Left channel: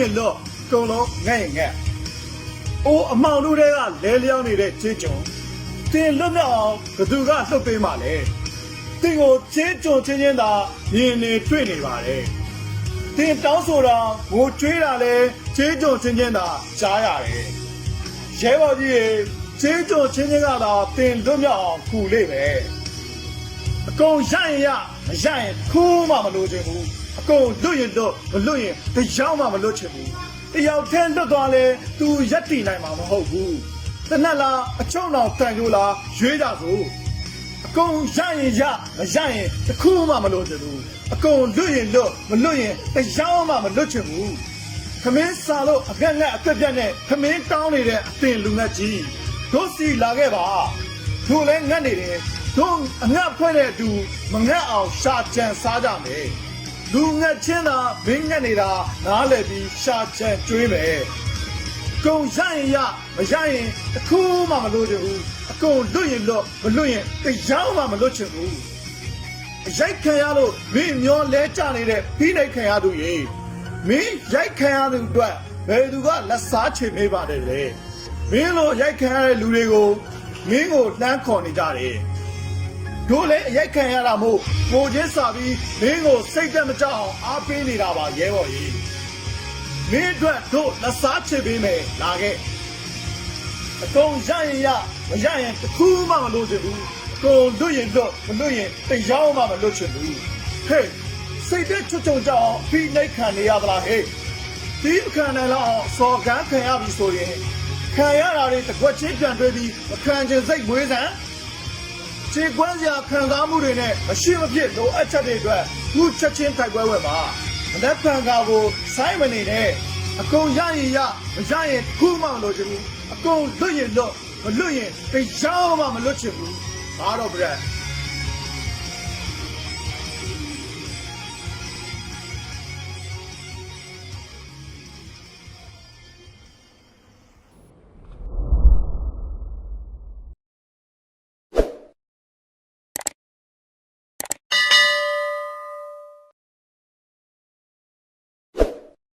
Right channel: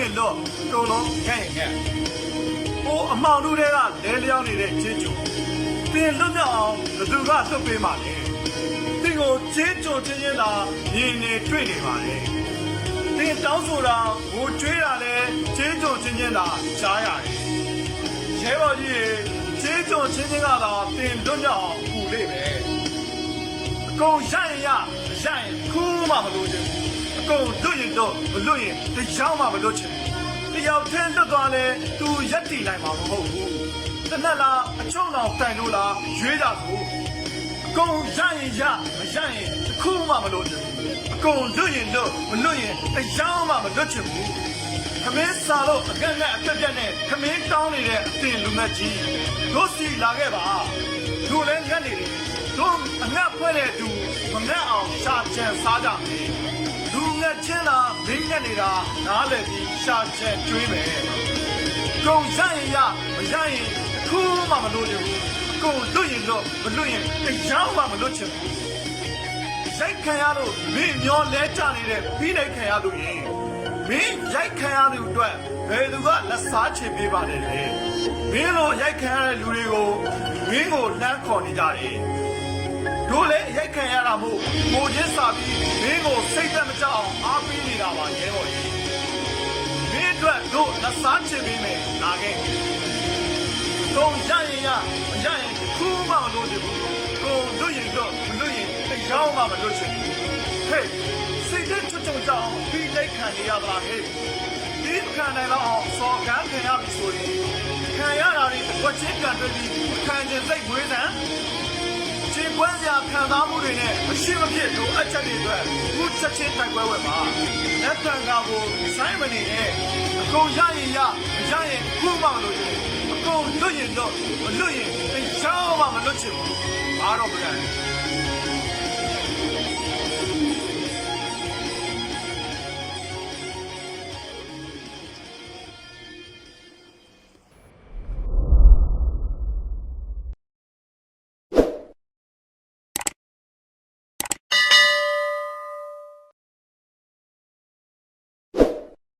ရင်လွတ်သုံးလုံးငဲ့ရင်ငဲ့အိုးအမောင်တို့တွေကလဲလျောင်းနေတဲ့ချေကြုံတင်လွတ်မြောက်အောင်ဘသူကလှုပ်ပေးမှလဲတင်ကိုချေကြုံချင်းချင်းသာမြင်နေတွေ့နေပါလေတင်တောင်းဆိုတာငိုကြွေးတာလဲချေကြုံချင်းချင်းသာကြားရတယ်ရဲဘော်ကြီးရေချေကြုံချင်းချင်းကသာတင်လွတ်မြောက်အောင်ပူလိမ့်မယ်အကုန်ရရင်ရမရရင်ခိုးမှမလို့ချင်ဘူးအ ကုန်လွတ်ရင်လွတ်မလွတ်ရင်တရားမှမလွတ်ချင်ဘူးတယောက်တည်းလွတ်သွားလဲသူရက်တည်နိုင်မှာမဟုတ်ဘူးတနက်လားအချုံတော်တန်လို့လားရွေးကြစို့အကုန်ရရင်ရမရရင်တစ်ခုမှမလို့ချင်ဘူးအကုန်လွတ်ရင်လွတ်မလွတ်ရင်တရားမှမလွတ်ချင်ဘူးခမင်းစာလို့အကက်နဲ့အကက်ပြက်နဲ့ခမင်းတောင်းနေတဲ့အတင်လူမကြီးတို့စီလာခဲ့ပါတို့လည်းငတ်နေတယ်တို့အငတ်ဖွဲ့တဲ့သူမငတ်အောင်ရှာကြံစားကြမယ် လူငတ်ချင်းသာမင်းငတ်နေတာနားလည်ပြီးရှာကြံကျွေးမယ်ကြုံရရင်ရမရရင်တစ်ခုမှမလို့ချင်ဘူးအကုန်လွတ်ရင်တော့မလွတ်ရင်တရားမှမလွတ်ချင်ဘူးရိုက်ခံရလို့မင်းမျောလဲကြနေတဲ့ပြီးနိုင်ခံရသူရေမင်းရိုက်ခံရသူအတွက်ဘယ်သူကလက်စားချေပေးပါတယ်လေမင်းလိုရိုက်ခံရတဲ့လူတွေကိုမင်းကိုလှမ်းခေါ်နေကြတယ် တို့လည်းအရိုက်ခံရတာမို့ကိုချင်းစာပြီးမင်းကိုစိတ်သက်မကြအောင်အားပေးနေတာပါရဲဟော်ကြီးမင်းအတွက်တို့လက်စားချစ်ပေးမယ်ပါခဲ့အကုန်ရရင်ရမရရင်တစ်ခုမှမလို့ချင်ဘူးကိုလွတ်ရင်လွတ်မလွတ်ရင်တရားမှမလွတ်ချင်ဘူးဟေးစိတ်သက်ချွတ်ချုံကြအောင်ပြီးလိုက်ခံနေရသလားဟေးဒီခံနိုင်တော့အောင်စော်ကန်းခံရပြီဆိုရင်ခံရတာတွေတစ်ခွက်ချင်းပြန်တွေးပြီးမခံချင်စိတ်မွေးစမ်း ခြေကွမ်းစရာခံစားမှုတွေနဲ့မရှိမဖြစ်လိုအပ်ချက်တွေအတွက်ခုချက်ချင်းဖိုက်ပွဲဝယ်ပါလက်ခံကာကိုစိုင်းမနေနဲ့အကုန်ရရင်ရမရရင်ခုမှမလို့ဘူးအကုန်လွတ်ရင်လွတ်မလွတ်ရင်တရားမှမလွတ်ချင်ဘူးဘာတော့ဗျာ